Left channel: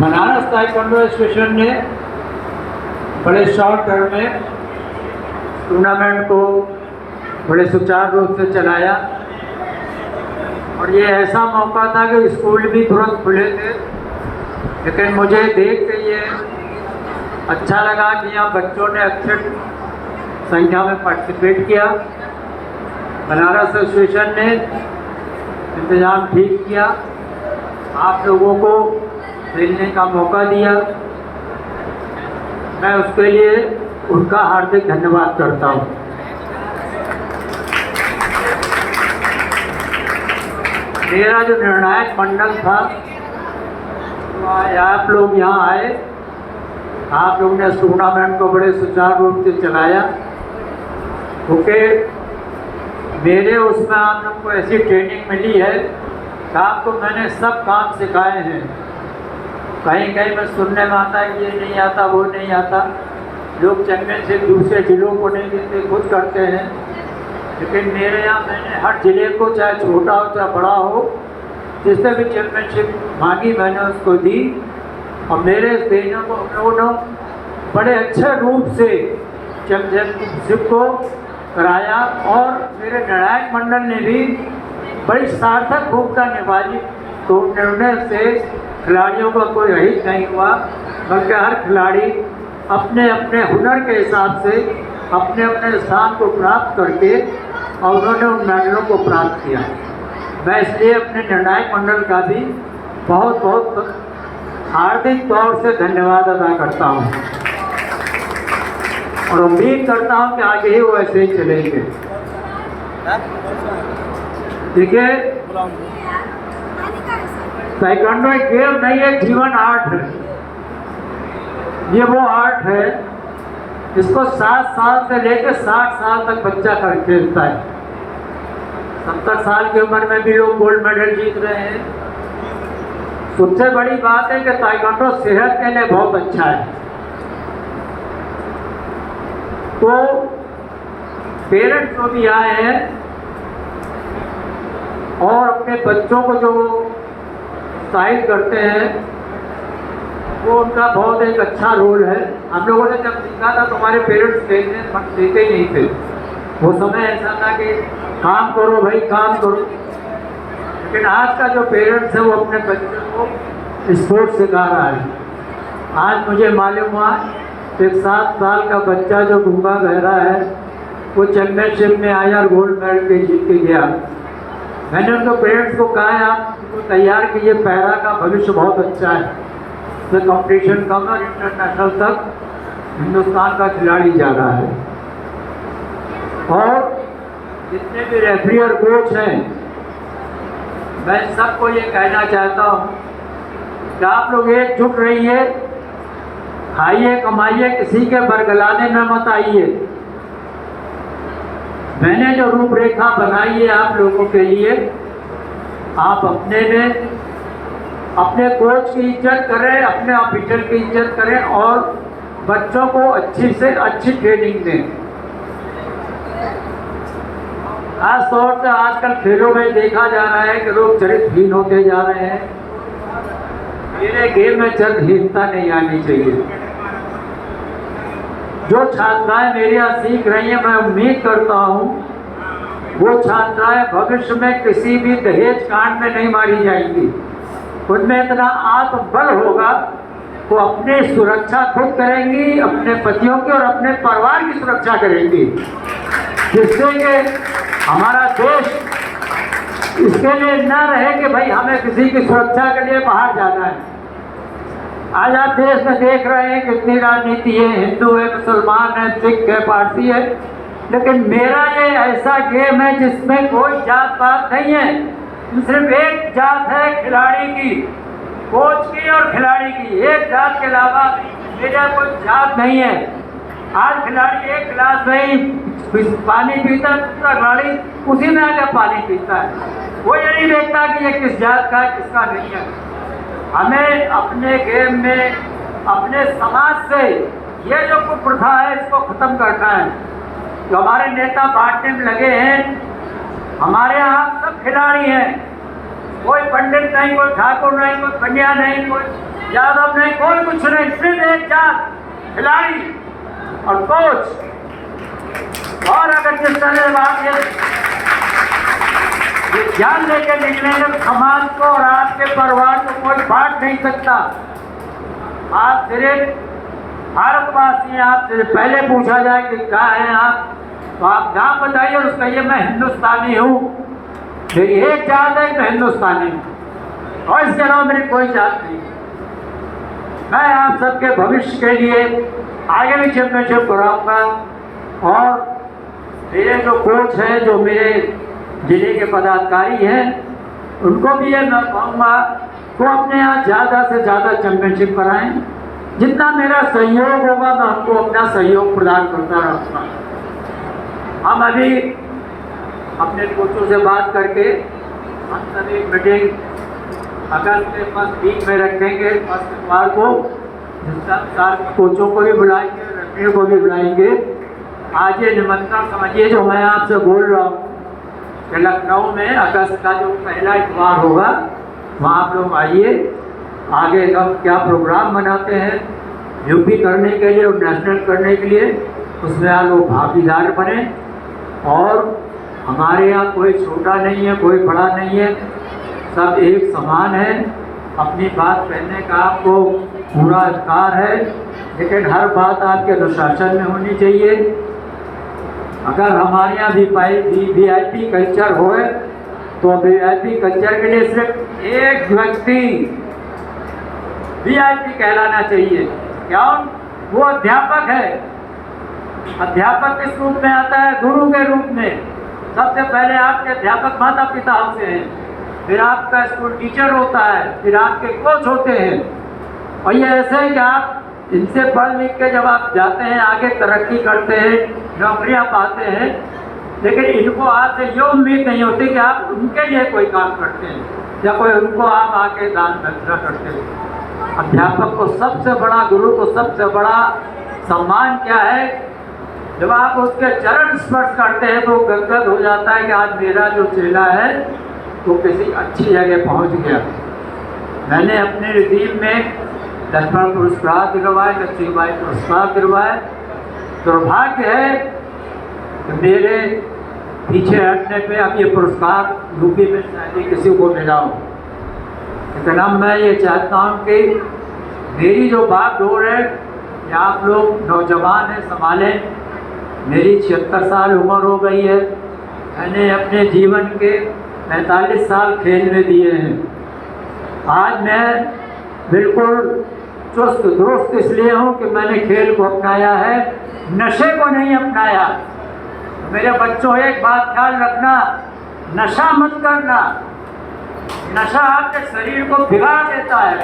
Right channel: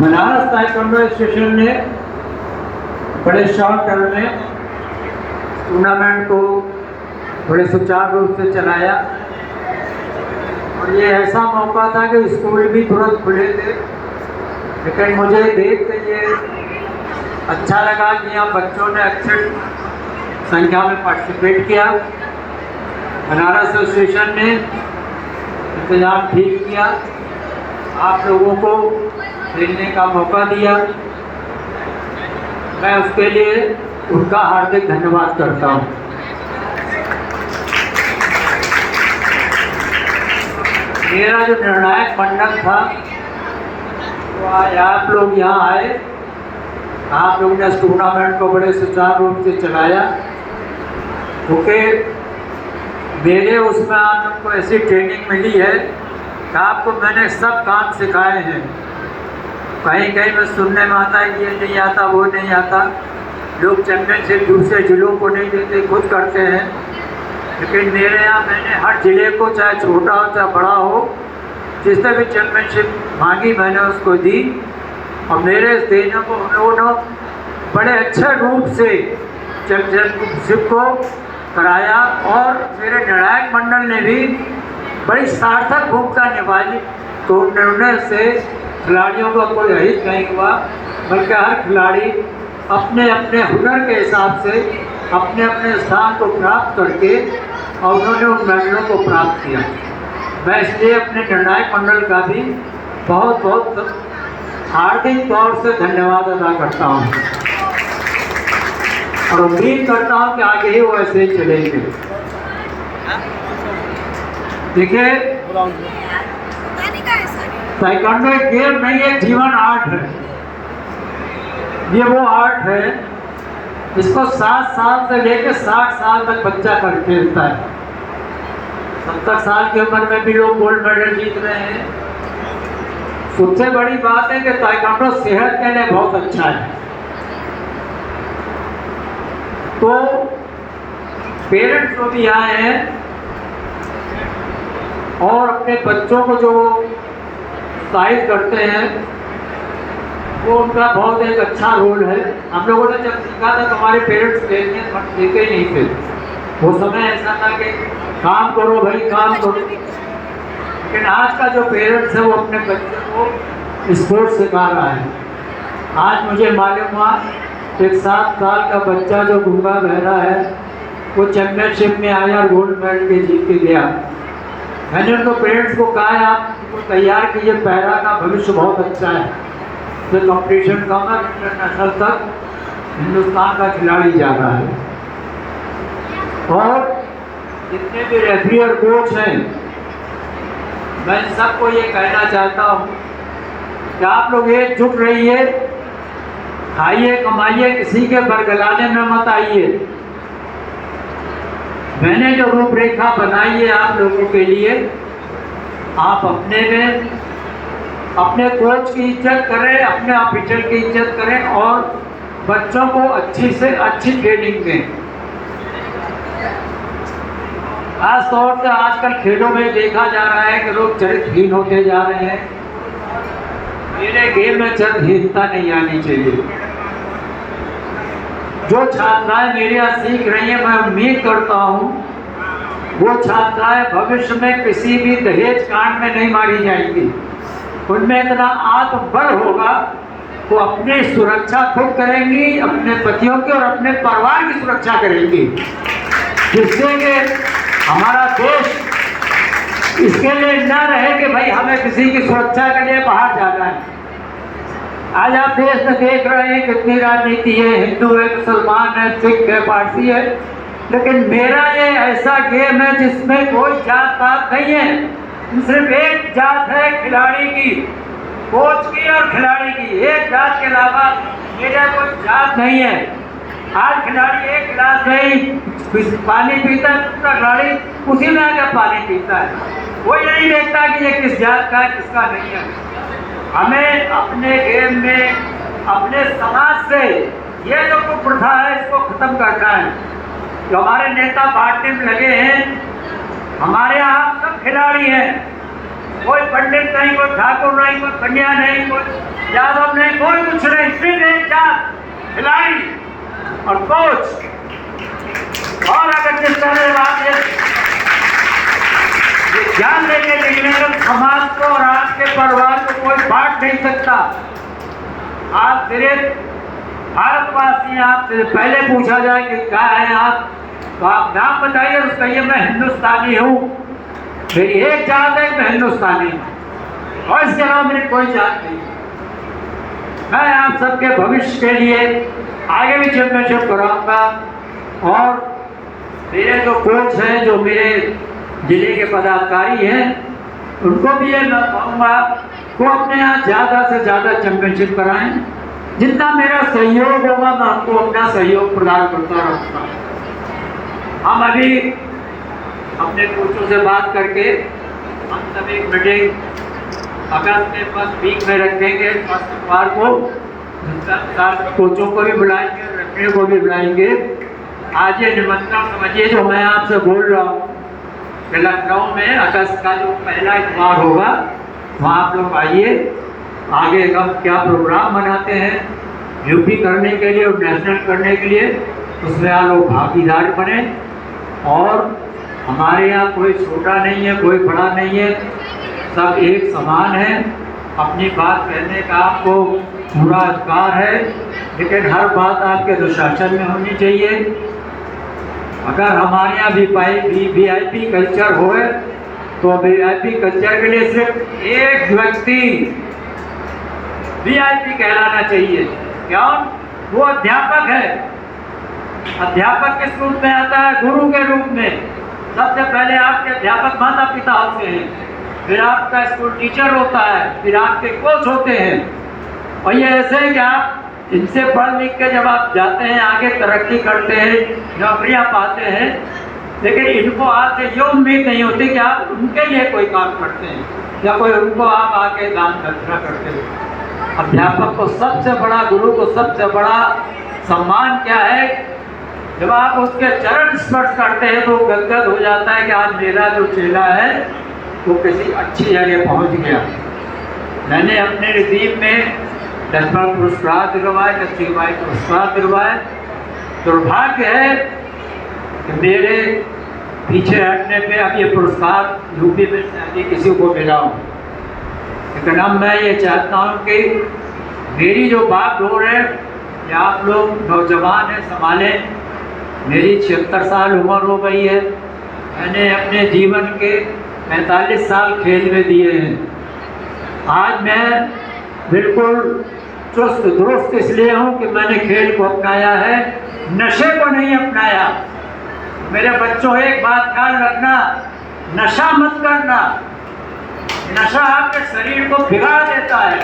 Banaras taekwondo association ने बड़े short term में टूर्नामेंट को बड़े सुचारू रूप से चलाया और ये ऐसा मौका था कि स्कूल भी तुरंत खुले थे, लेकिन मुझे देख के ये अच्छा लगा कि यहाँ बच्चों ने अच्छे संख्या में पार्टिसिपेट किया। बनारस एसोसिएशन ने इंतजाम ठीक किया, आप लोगों को खेलने का मौका दिया। मैं उसके लिए उनका हार्दिक धन्यवाद करता हूँ। मेरा जो निर्णायक मंडल था तो आप लोग यहाँ आए, आप लोगों ने इस टूर्नामेंट को बड़े सुचारू रूप से चलाया, क्योंकि मेरे उसमें आप लोग को ऐसी ट्रेनिंग मिली है कि आपको मैंने सब काम सिखाए हैं। कहीं कहीं में सुनने में आता है कि ये नहीं आता, वो नहीं आता, लोग चैम्पियनशिप दूसरे जिलों को नहीं देते, खुद करते हैं। लेकिन मेरे यहाँ मैंने हर ज़िले को, चाहे छोटा हो चाहे बड़ा हो, जिसने भी चैम्पियनशिप मांगी मैंने उसको दी और मेरे देने को उन लोगों ने बड़े अच्छे रूप से चैम्पियनशिप को कराया और मेरे निर्णायक मंडल ने भी बड़ी सार्थक भूमिका निभाई। तो निर्णय से खिलाड़ियों का कोई अहित नहीं हुआ, बल्कि हर खिलाड़ी अपने अपने हुनर के हिसाब से अपने अपने स्थान को प्राप्त करके और उन्होंने उन मेडलों को प्राप्त किया। मैं इसलिए अपने निर्णायक मंडल का भी बहुत बहुत हार्दिक तौर से धन्यवाद अदा करता हूँ और उम्मीद करता हूँ कि आगे ही वो ऐसे ही चलेंगे। देखिए, ताइक्वांडो एक गेम नहीं है, जीवन आर्ट है। ये वो आर्ट है जिसको 7 साल से लेकर 60 साल तक बच्चा कर खेलता है। 70 साल की उम्र में भी लोग गोल्ड मेडल जीत रहे हैं। सबसे बड़ी बात है कि ताइक्वांडो सेहत के लिए बहुत अच्छा है। तो पेरेंट्स जो भी आए हैं और अपने बच्चों को जो उत्साहित करते हैं, वो उनका बहुत एक अच्छा रोल है। हम लोगों ने जब सीखा था तो हमारे पेरेंट्स देखने देते ही नहीं थे। वो समय ऐसा था कि काम करो भाई, काम करो। लेकिन आज का जो पेरेंट्स है वो अपने बच्चों को स्पोर्ट्स सिखा रहा है। आज मुझे मालूम हुआ एक 7 साल का बच्चा जो गूंगा बहरा है वो चैम्पियनशिप में आया और गोल्ड मेडल के जीत के गया। मैंने उनको पेरेंट्स को कहा है आप उनको तैयार कीजिए, पैरा का भविष्य बहुत अच्छा है। तो कॉम्पिटिशन कम है, इंटरनेशनल तक हिंदुस्तान का खिलाड़ी जा रहा है। और जितने भी रेफरी और कोच हैं, मैं सबको ये कहना चाहता हूँ कि आप लोग एकजुट रहिए, खाइए कमाइए, किसी के बरगलाने में मत आइए। मैंने जो रूपरेखा बनाई है आप लोगों के लिए, आप अपने में अपने कोच की इज्जत करें, अपने ऑफिसर की इज्जत करें और बच्चों को अच्छी से अच्छी ट्रेनिंग दें। खास तौर से आजकल खेलों में देखा जा रहा है कि लोग चरित्रहीन होते जा रहे हैं। मेरे गेम में चरित्रहीनता नहीं आनी चाहिए। जो छात्राएं मेरे यहाँ सीख रही हैं, मैं उम्मीद करता हूँ वो छात्राएं भविष्य में किसी भी दहेज कांड में नहीं मारी जाएंगी। उनमें इतना आत्मबल होगा, वो अपनी सुरक्षा खुद करेंगी, अपने पतियों की और अपने परिवार की सुरक्षा करेंगी, जिससे कि हमारा देश इसके लिए न रहे कि भाई हमें किसी की सुरक्षा के लिए बाहर जाना है। आज आप देश में देख रहे हैं कितनी राजनीति है, हिंदू है, मुसलमान है, सिख है, पारसी है, लेकिन मेरा ये ऐसा गेम है जिसमें कोई जात पात नहीं है। सिर्फ एक जात है खिलाड़ी की, कोच की और खिलाड़ी की। एक जात के अलावा मेरा कोई जात नहीं है। आज खिलाड़ी एक गिलास में पानी पीता है, दूसरा खिलाड़ी उसी में आकर पानी पीता है। वो ये नहीं देखता कि ये किस जात का है, किसका नहीं है। हमें अपने गेम में, अपने समाज से ये जो कुप्रथा है इसको खत्म करना है। जो हमारे नेता बांटने में लगे हैं, हमारे यहाँ सब खिलाड़ी हैं, कोई पंडित नहीं, कोई ठाकुर नहीं, कोई पंड्या नहीं, कोई यादव नहीं, कोई कुछ नहीं, सिर्फ एक जात खिलाड़ी और कोच। और अगर जिस तरह बात ये ध्यान लेके निकले तो समाज को और आपके परिवार को कोई बांट नहीं सकता। आप सिर्फ भारतवासी, आपसे पहले पूछा जाए कि क्या है आप, तो आप नाम बताइए, उसको कहिए मैं हिंदुस्तानी हूँ, मेरी एक जात है, मैं हिंदुस्तानी हूँ और इसके अलावा मेरी कोई जात नहीं। मैं आप सबके भविष्य के लिए आगे भी चैंपियनशिप कराऊंगा और मेरे जो कोच हैं, जो मेरे जिले के पदाधिकारी हैं, उनको भी ये मैं कहूँगा वो अपने यहाँ ज़्यादा से ज़्यादा चैंपियनशिप कराएं। जितना मेरा सहयोग होगा मैं उनको अपना सहयोग प्रदान करता रहूँगा। हम अभी अपने कोचों से बात करके हम सभी मीटिंग अगस्त के फर्स्ट वीक में रखेंगे, फर्स्ट शुक्रवार को, जिसका साथ कोचों को भी बुलाएंगे, रखने को भी बुलाएंगे। आज ये निमंत्रण समझिए जो मैं आपसे बोल रहा हूँ कि लखनऊ में अगस्त का जो पहला इतवार होगा वहाँ आप लोग आइए। आगे हम क्या प्रोग्राम बनाते हैं यूपी करने के लिए और नेशनल करने के लिए, उसमें आप लोग भागीदार बने। और हमारे यहाँ कोई छोटा नहीं है, कोई बड़ा नहीं है, सब एक समान है। अपनी बात कहने का आपको पूरा अधिकार है, लेकिन हर बात आपके अनुशासन में होनी चाहिए। अगर हमारे यहाँ VIP कल्चर हो तो VIP कल्चर के लिए सिर्फ एक व्यक्ति VIP कहलाना चाहिए। क्यों? वो अध्यापक है। अध्यापक किस रूप में आता है? गुरु के रूप में। सबसे पहले आपके अध्यापक माता पिता होते हैं, फिर आपका स्कूल टीचर होता है, फिर आपके कोच होते हैं। और ये ऐसे है कि आप इनसे पढ़ लिख के जब आप जाते हैं, आगे तरक्की करते हैं, नौकरियां पाते हैं, लेकिन इनको आपसे ये उम्मीद नहीं होती कि आप उनके लिए कोई काम करते हैं या कोई उनको आप आके दान दक्षिणा करते हैं। अध्यापक को सबसे बड़ा, गुरु को सबसे बड़ा सम्मान क्या है? जब आप उसके चरण स्पर्श करते हैं तो गदगद हो जाता है कि आज मेरा जो चेला है वो किसी अच्छी जगह पहुंच गया। मैंने अपने रिदीम में लक्ष्मण पुरस्कार दिलवाए, लक्ष्मीबाई पुरस्कार दिलवाए। दुर्भाग्य है कि मेरे पीछे हटने पे अब ये पुरस्कार यूपी में शायद किसी को मिला हो। लेकिन अब मैं ये चाहता हूँ कि मेरी जो बात डोर है कि आप लोग नौजवान हैं, संभालें। मेरी 76 साल उम्र हो गई है। मैंने अपने जीवन के 45 साल खेल में दिए हैं। आज मैं बिल्कुल चुस्त दुरुस्त इसलिए हूँ कि मैंने खेल को अपनाया है, नशे को नहीं अपनाया। मेरे बच्चों, एक बात ख्याल रखना, नशा मत करना। नशा आपके शरीर को बिगाड़ देता है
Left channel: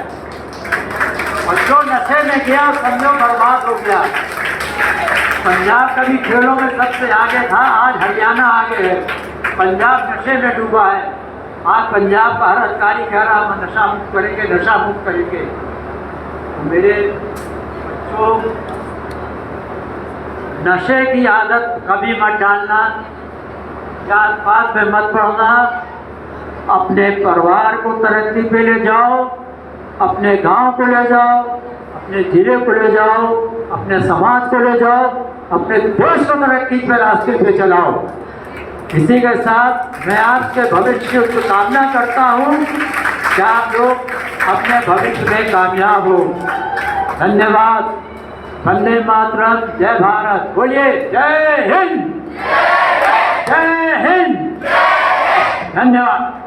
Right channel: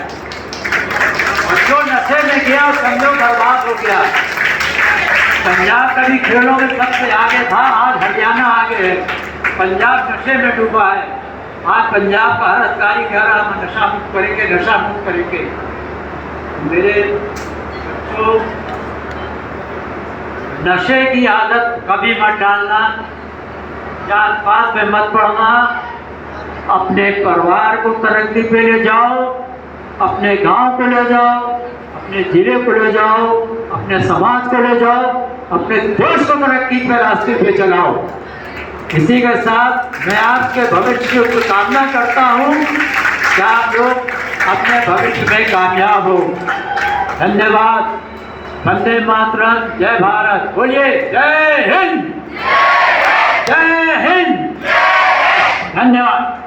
और जो नशे में गया समझो बर्बाद हो गया। पंजाब कभी खेलों में सबसे आगे था, आज हरियाणा आगे है। पंजाब नशे में डूबा है। आज पंजाब का हर अधिकारी कह रहा हम नशा मुक्त करेंगे, नशा मुक्त करेंगे। मेरे बच्चों, नशे की आदत कभी मत डालना, जात पात में मत पड़ना। अपने परिवार को तरक्की पे ले जाओ, अपने गांव को ले जाओ, अपने जिले को ले जाओ, अपने समाज को ले जाओ, अपने देश को तरक्की पे रास्ते पे चलाओ। इसी के साथ मैं आपके भविष्य की कामना करता हूँ कि आप लोग अपने भविष्य में कामयाब हो। धन्यवाद। वंदे मातरम। जय भारत। बोलिए जय हिंद। जय हिंद। धन्यवाद।